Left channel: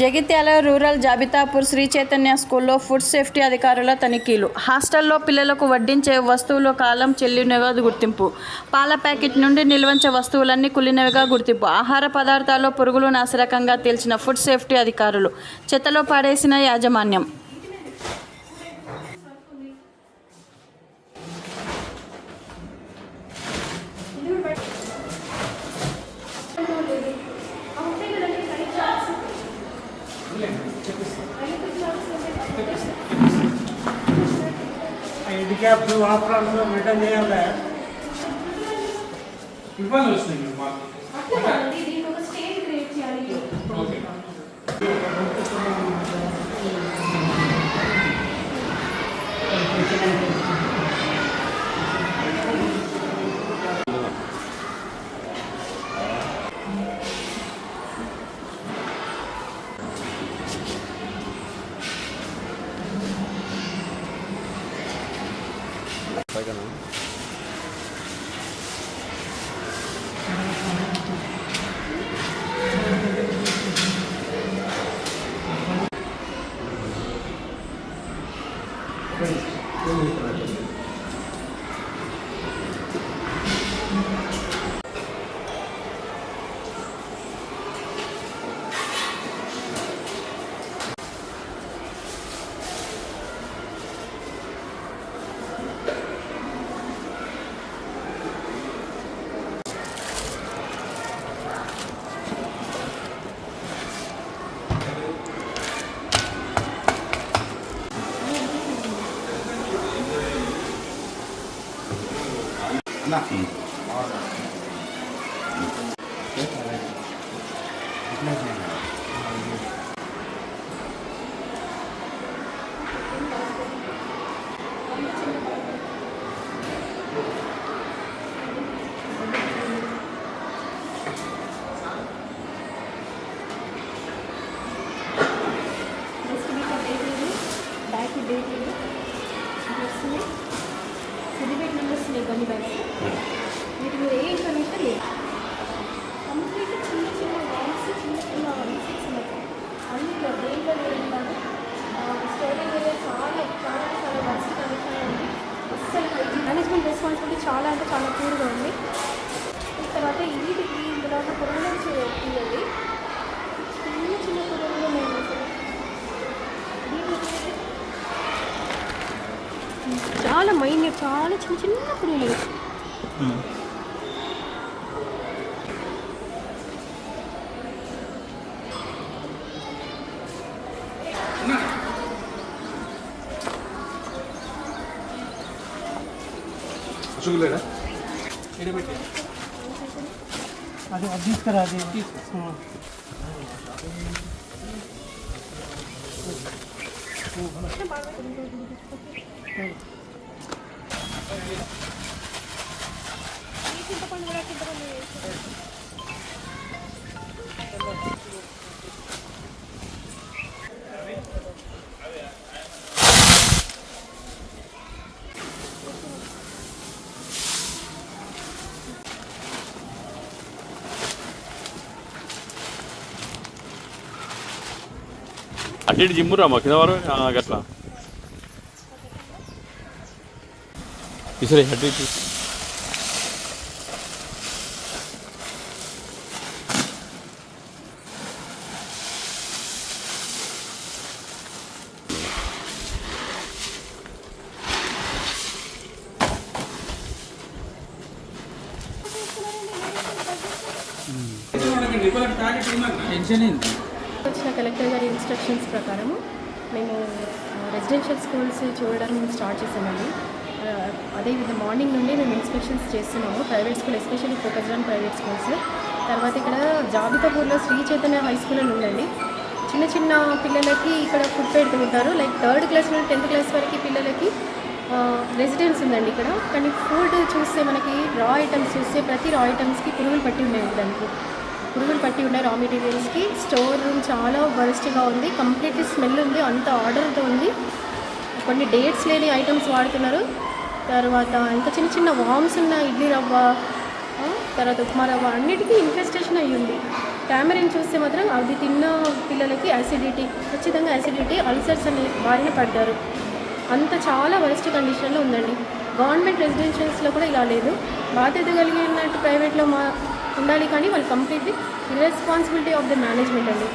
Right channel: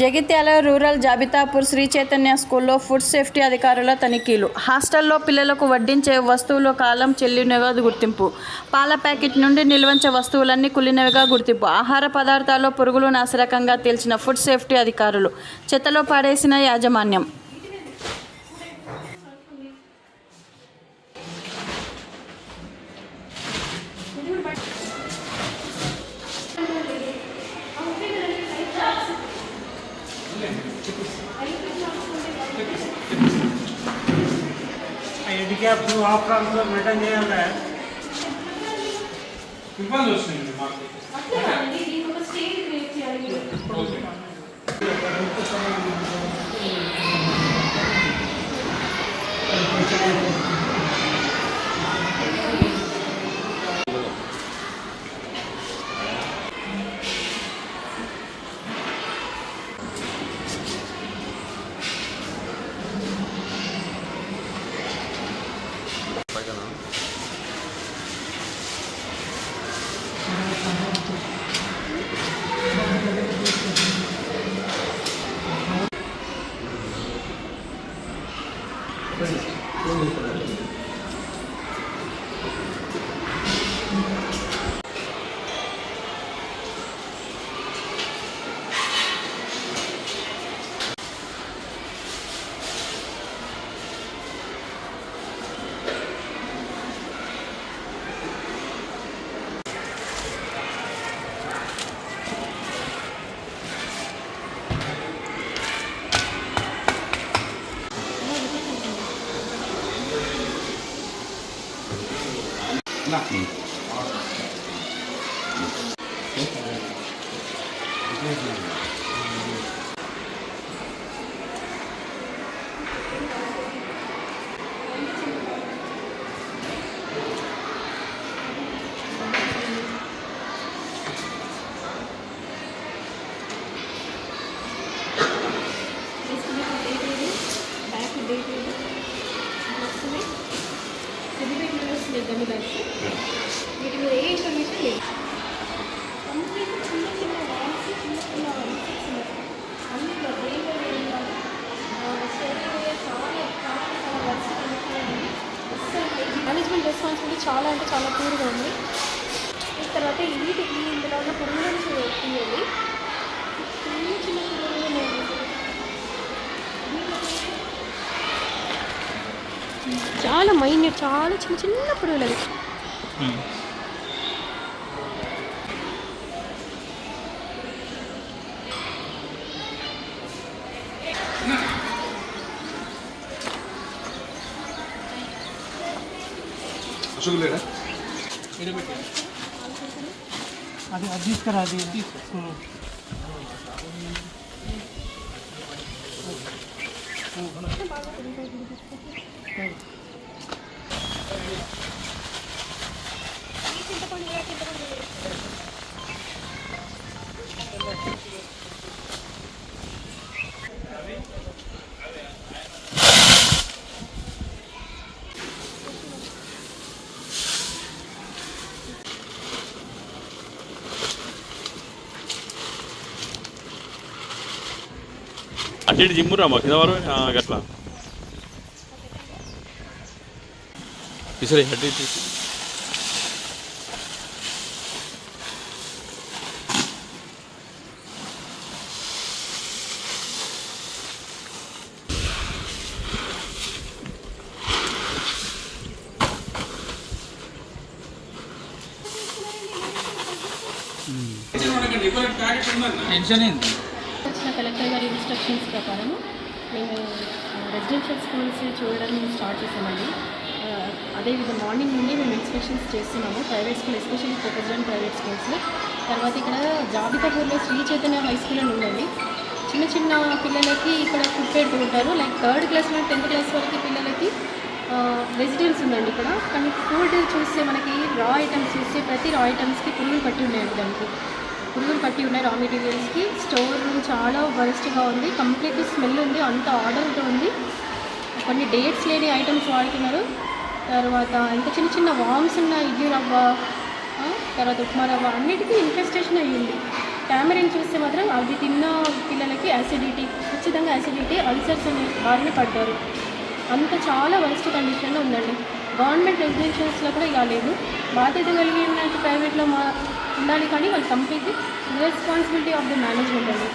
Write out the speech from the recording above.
Jagtial rural Jabitapur Shri Chaitanya స్కూల్లో food safety అధికారుల తనిఖీలు. హాస్టల్లో పిల్లలకు వడ్డించే వస్తువులు కాలం చెల్లినవిగా గుర్తింపు. పాల ప్యాకెట్ నుండి నిల్వంచే వస్తువులన్నీ కుళ్ళినవిగా గుర్తింపు. ఆహార పదార్థాల్లో పురుగులు నాసిరకంగా తేల్చిన ఫుడ్ సేఫ్టీ అధికారులు. చెత్తలో పాడేసిన యాజమాన్యం. హ్యాండిక్యాప్ ఆఫ్రాన్స్లో మెయింటైన్ చేయాలి. ఇబ్బంది వస్తుంది మాకు. సిద్దిపేట నుండి వస్తుంది కొన్ని బ్యాగ్స్. వీటి మీద ఏ ఇన్ఫర్మేషన్ లేదు. కంప్లీట్గా చిన్న చిన్న వామ్స్, చిన్న చిన్న ఇన్సెక్ట్స్ ఉన్నాయి. అందులో బ్రెయిన్లో ఉండాలి. స్టోరేజ్ ఏరియా చాలా చాలా చాలా వర్స్ట్ కండిషన్లో ఉంది. అస్సలు మేనేజ్మెంట్ రెస్పాన్సిబిలిటీ చాలా అంటే చాలా పూర్గా ఉంది. తర్వాత వీటికి ఇందులో పురుగులు తీయాలి. చిన్న చిన్న పురుగులు నేను చాలా మైన్యూట్, చాలా చిన్న చిన్న పురుగులు. అది అది తీసుకురా, అది తీసుకో. అటు జిమ్మురా కిందవరు గట్లా ఇసరే అటు ఇటు టెన్షన్ ఏంటి? వచ్చిన కలెక్టర్ గారి ఇన్స్ట్రక్షన్స్ ప్రకారము మేము రెసిడెన్షియల్ స్కూల్స్ చూడడం స్టార్ట్ చేసామండి. అదేవిధంగా మార్నింగ్ నుండి మేము ఇన్స్పెక్షన్స్ చేస్తున్నాము. Private school, especially focused on private schools. తర్వాత ఇక్కడ జాబితాపూర్లో శ్రీ చైతన్య హై స్కూల్ అని ఉందండి. చిన్న చిన్న పిల్లలకి ఇక్కడ ఫుడ్ పెడుతుంటారు. లైక్ 3rd క్లాస్ నుండి 10th క్లాస్ వరకు పిల్లలకి రెసిడెన్స్ ఉందండి ఇక్కడ. కానీ ఫుడ్ చూస్తే మనకి రా ఐటమ్స్ చూస్తే ప్రతి రా ఐటమ్స్కి పురుగులు పట్టి ఉన్నాయండి. దానికి పురుగులు పట్టి ఉన్నాయి. రా మెటీరియల్స్కి స్టోర్ రూమ్ చాలా వరస్ట్గా ఉంది. కంప్లీట్లీ స్మెల్ ఉంది. అంత ఆర్డర్తో ఉంది. కొన్ని డేట్స్ లేని ఐటమ్స్ వాడుతున్నారు. తర్వాత ఇంకా చిన్న చిన్న వామ్స్ ఉన్న ఇడ్లీ రవ్వ, తర్వాత ఉప్మా రవ్వ అన్నిటికీ ఇన్ఫెస్టేషన్ అయ్యింది. టామరిన్ చూస్తే మాత్రం అవి తిన్న పిల్లలు పిల్లలకి యాసిడిటీ, ఖచ్చితంగా యాసిడిటీ, అల్సర్స్ అనే బారిన పడ్డారు. అంత చాలా వరస్ట్ కండిషన్లో ఉందండి. గవర్నమెంట్ రెసిడెన్షియల్స్లో కూడా ఇలా లేదు. బాధ్యత కలిగినట్టు ప్రైవేట్లో ఉండాలి, కానీ వాళ్ళు completely responsibility of the management అండి.